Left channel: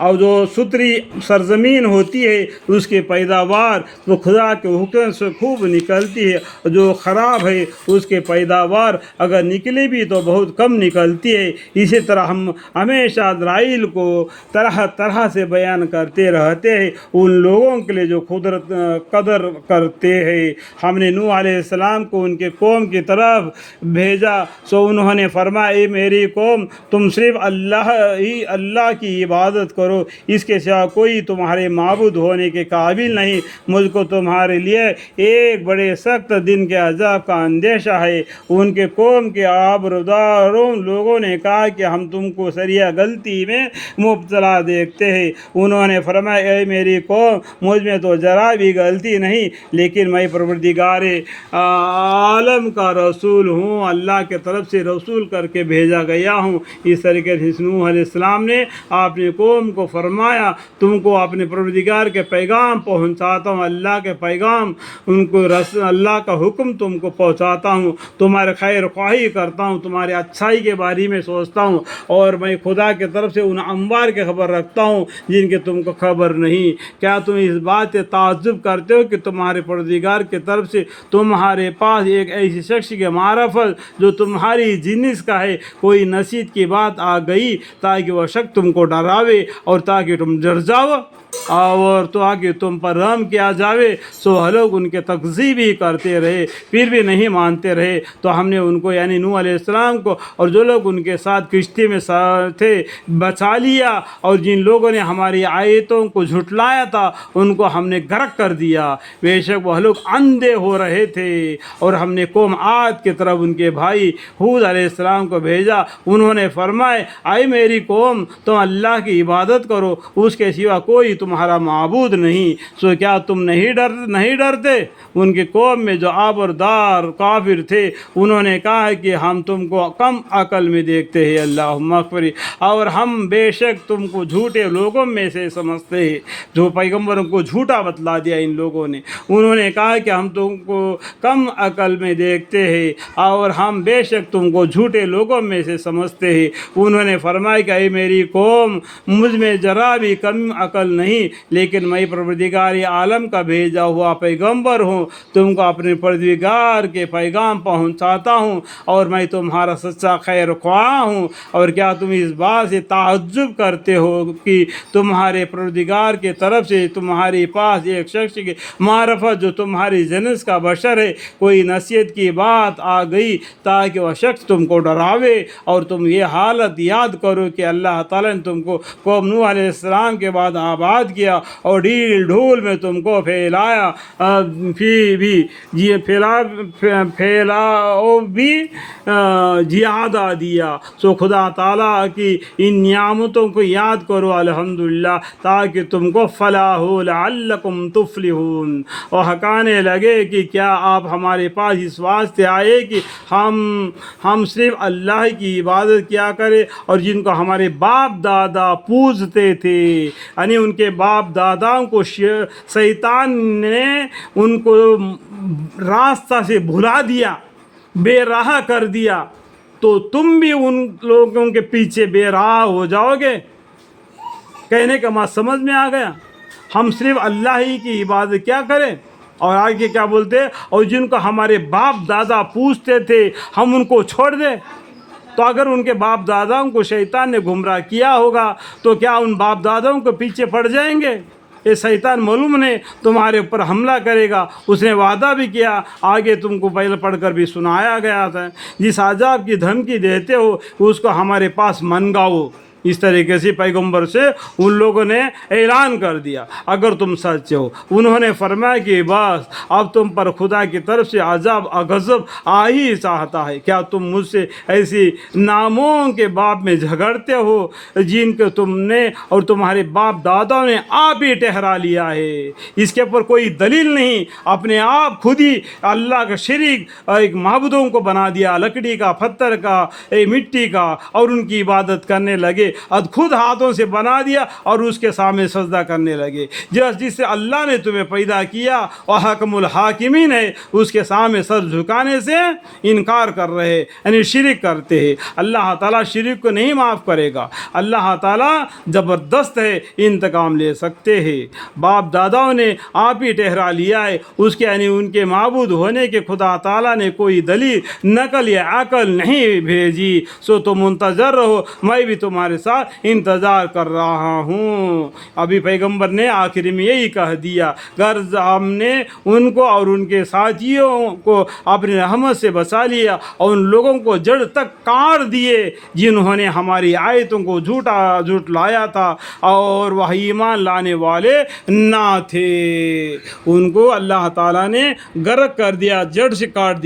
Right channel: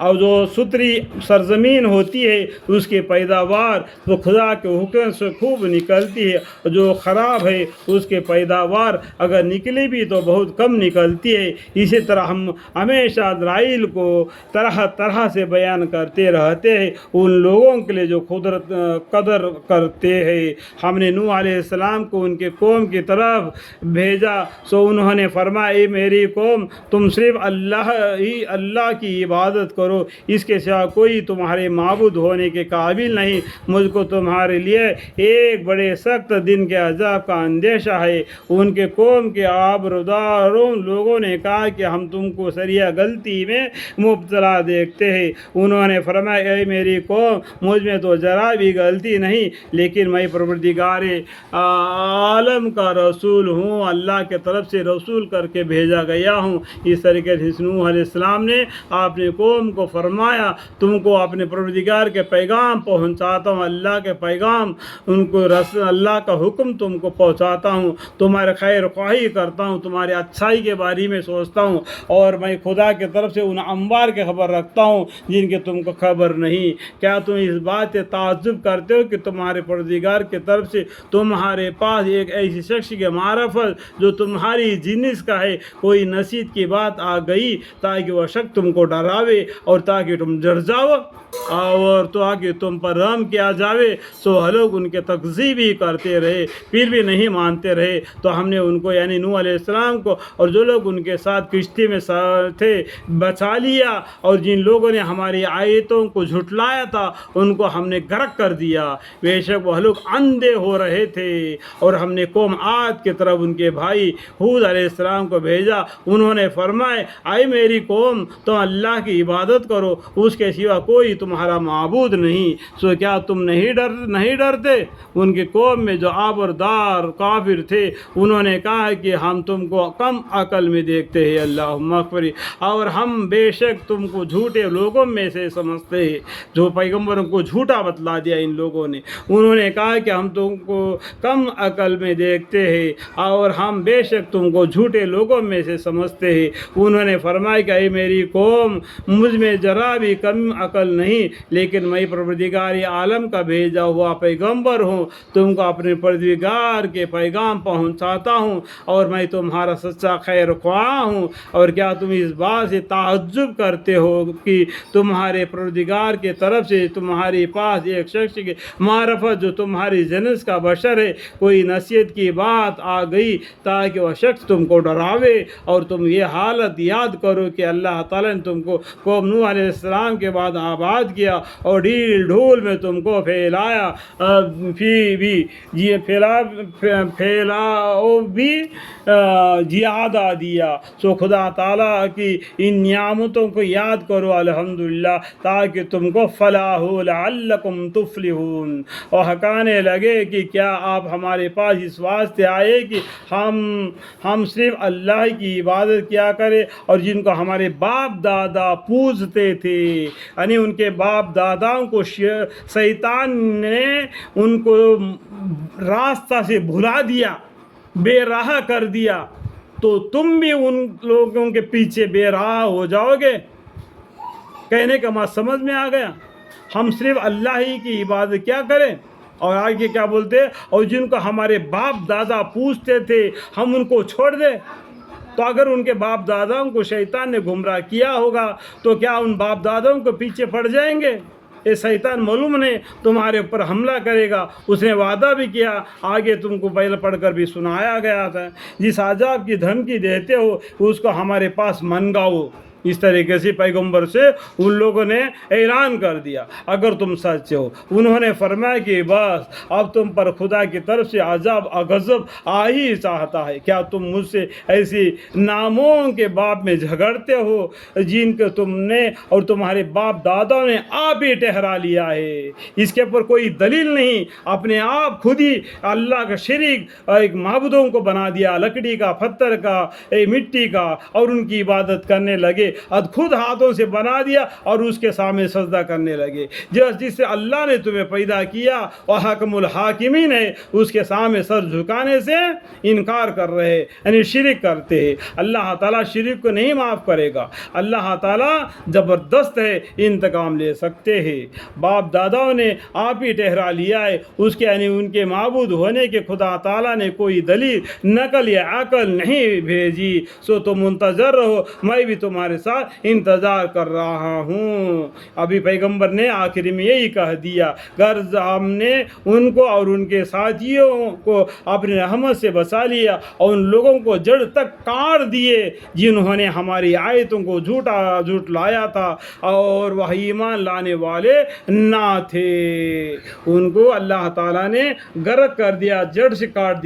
اور جو ستری سرزمین ہوتی ہے اس کی پیداوار تو خدا کے حکم سے خوب نکلتی ہے، جو خراب ہے اس کی پیداوار اگر نکلی بھی تو بہت کم نکلتی ہے۔ اسی طرح ہم ہمیشہ اسرائیل کو طرح طرح سے بیان کرتے رہتے ہیں ان لوگوں کے لیے جو قدر کرتے ہیں۔ ہم نے نوح علیہ السلام کو ان کے قوم کی طرف بھیجا، سو انہوں نے فرمایا اے میری قوم تم صرف اللہ کی عبادت کرو، اس کے سوا کوئی تمہارے معبود ہونے کے قابل نہیں، مجھ کو تمہارے لیے ایک بڑے سخت دن کے عذاب کا اندیشہ ہے۔ ان کے قوم کے آبروداروں لوگوں نے کہا کہ ہم تم کو سریح غلطی میں مبتلا دیکھتے ہیں۔ انہوں نے فرمایا اے میری قوم مجھ میں تو ذرا بھی غلطی نہیں، لیکن میں پروردگار عالم کا رسول ہوں، اللہ کے طرف سے رسول کر کے بھیجا گیا ہوں۔ اس طریقے سے نوح علیہ السلام نے اپنی قوم کو فرمایا تم کو اپنے پروردگار کے پیغام پہنچاتا ہوں، اللہ کے پیغام ان کو اللہ کا حکم تم کو پہنچاتا ہوں، تمہارے خیر خواہی کرتا ہوں، تمہارے اچھائی کے بارے میں سوچتا ہوں، اور میں خدا کے طرف سے ان انبار کی خبر رکھتا ہوں جن کے تم کو خبر نہیں۔ کیا تم اس بات سے تعجب کرتے ہو کہ تمہارے پروردگار کی طرف سے تمہارے پاس ایک ایسی شخص کے معرفت جو تمہاری جنس کا ہے کوئی نصیحت کی بات آ گئی تاکہ وہ شخص تم کو ڈراوے اور تاکہ تم ڈر جاؤ اور تو آگے تم پر رحم کیا جاوے؟ سو لوگ ان کے تکذیب ہی کرتے رہے، پھر بھی نہیں مانتے رہے، تو ہم نے ان کو یعنی نوح علیہ السلام کو اور جو لوگ ان کے ساتھ کشتی میں تھے بچا لیا، اور جن لوگوں نے ہماری آیتوں کو جھٹلایا تھا ان کو ہم نے غرق کر دیا۔ بے شک وہ لوگ اندھے ہو رہے تھے، اور ہم نے قوم عاد کی طرف ان کے بھائی ہود علیہ السلام کو بھیجا، انہوں نے فرمایا اے میری قوم تم اللہ کی عبادت کرو، اس کے سوا کوئی تمہارا معبود نہیں، سو کیا تم نہیں ڈرتے؟ ان کی قوم میں جو آبردار کافر تھے انہوں نے کہا کہ ہم تم کو کم عقل میں دیکھتے ہیں، اللہم اغفر، اور ہم بے شک تم کو جھوٹے لوگوں میں سے سمجھتے ہیں۔ جو پیغمبروں کو جھوٹا بتلا دیا ان لوگوں نے، انہوں نے کہا کہ ہم تم کو کم عقل میں دیکھتے ہیں اور ہم بے شک تم کو جھوٹے لوگوں میں سے سمجھتے ہیں۔ انہوں نے فرمایا کہ اے میری قوم مجھ میں ذرا بھی کم عقل نہیں، لیکن میں پروردگار عالم کا بھیجا ہوا پیغمبر ہوں، تم کو اپنے پروردگار کے پیغام پہنچاتا ہوں، اور میں تمہارا سچا خیر خواہ ہوں۔ اور کیا تم اس بات سے تعجب کرتے ہو کہ تمہارے پروردگار کی طرف سے تمہارے پاس ایک شخص کی معرفت جو تمہاری جنس کا بشر ہے کوئی نصیحت کی بات آ گئی تاکہ وہ شخص تم کو ڈراوے؟ اور تم یہ حالت یاد کرو کہ اللہ تعالیٰ نے تم کو قوم نوح علیہ السلام کے بعد آباد کیا اور ڈھیل ڈھول میں تم کو پھیلایا بھی زیادہ دیا۔ سو خدا تعالیٰ کی ان نعمتوں کو یاد کرو الحمدللہ تاکہ تم کو فلاح ہو، لعلکم تفلحون۔ اور حکانے لگے کہ کیا آپ ہمارے پاس اس واسطے آئے کہ ہم صرف اللہ کی عبادت کیا کریں، اور جن کو ہمارے باپ دادا پوجتے تھے، یعنی ان کے باپ داداؤں کو شیطان نے ان کو راستہ سے بھلا دیا، بے راہ کر دیا، تو تم بھی ان لوگوں کے پیچھے بے راہ ہو جاؤ گے؟ کہنے کا مطلب سمجھ میں آ گیا؟ ہم صرف اللہ ہی کی عبادت کیا کریں، اور آگے کیا بولتے؟ اور جن کو ہمارے باپ دادا پوجتے تھے ہم ان کو چھوڑ دیں؟ تو اگر ان کے باپ داداؤں کو شیطان نے گمراہ کیا ہوگا تو کیا ان باپ داداؤں کو پیچھے پڑ جائیں گے؟ یہ شیطان معلوم نے تمہارے اوپر حملہ کرے گا، اس نے وعدہ بھی کیا، آگے تم کو پہلے پڑھ کر بھی سنایا گیا تھا، جس عذاب کی دھمکی دیتے ہو اس کو ہمارے پاس منگاؤ۔ اس طریقے سے پیغمبر سے ان لوگوں نے اعلان کر دیا اگر تم سچے ہو۔ انہوں نے فرمایا کہ بس اب تم پر خدا کی طرف سے عذاب غضب آ ہی چاہتا ہے، کیا تم مجھ سے ایسی ناموں کے باب میں جھگڑتے ہو جن کو تم نے اور تمہارے باپ دادا نے آپ ہی ٹھہرا لیا ہے؟ اس کے اوپر کوئی دلیل نہیں، اپنے آپ خود ہی اللہ کا شریک ایک معبودوں کو بنا دیا، لکڑی کا، پتھر کا، مٹی کا، اور ان کی عبادت کرنے لگے۔ خود ہاتھوں سے بنا دیا اور اس کے سامنے سجدہ کرنے لگے. جس سے اللہ نے تمہیں پیدا کیا اور حکم الحاکمین ہے اس کے سامنے سر جھکانے سے انکار کر رہے ہیں، یعنی شرک کرتے ہیں. اللہ تعالیٰ شرک کو نہیں معاف کرے گا. اللہ تعالیٰ زبردست ہے، انتقام لے سکتے ہیں. باپ داداؤں نے آپ ہی ٹھہرا لیا ہے اس کے، یعنی ان کے معبود ہونے کے خدا تعالیٰ نے کوئی دلیل، نقل یا عقل نہیں بھیجی. سو تم منتظر رہو، میں بھی تمہارے ساتھ انتظار کر رہا ہوں. ابھی پیغمبر نے آخر میں یہی کہہ دیا، غرض ہم نے ان کو اور ان کے ساتھیوں کو اپنی رحمت سے بچا لیا اور ان لوگوں کو جڑ تک کاٹ دیے جنہوں نے ہماری آیتوں کو جھٹلایا تھا اور وہ ایمان لانے والے نہ تھے. ان کو اللہ تعالیٰ نے غرق کر دیا، جڑ سے کاٹ دیا.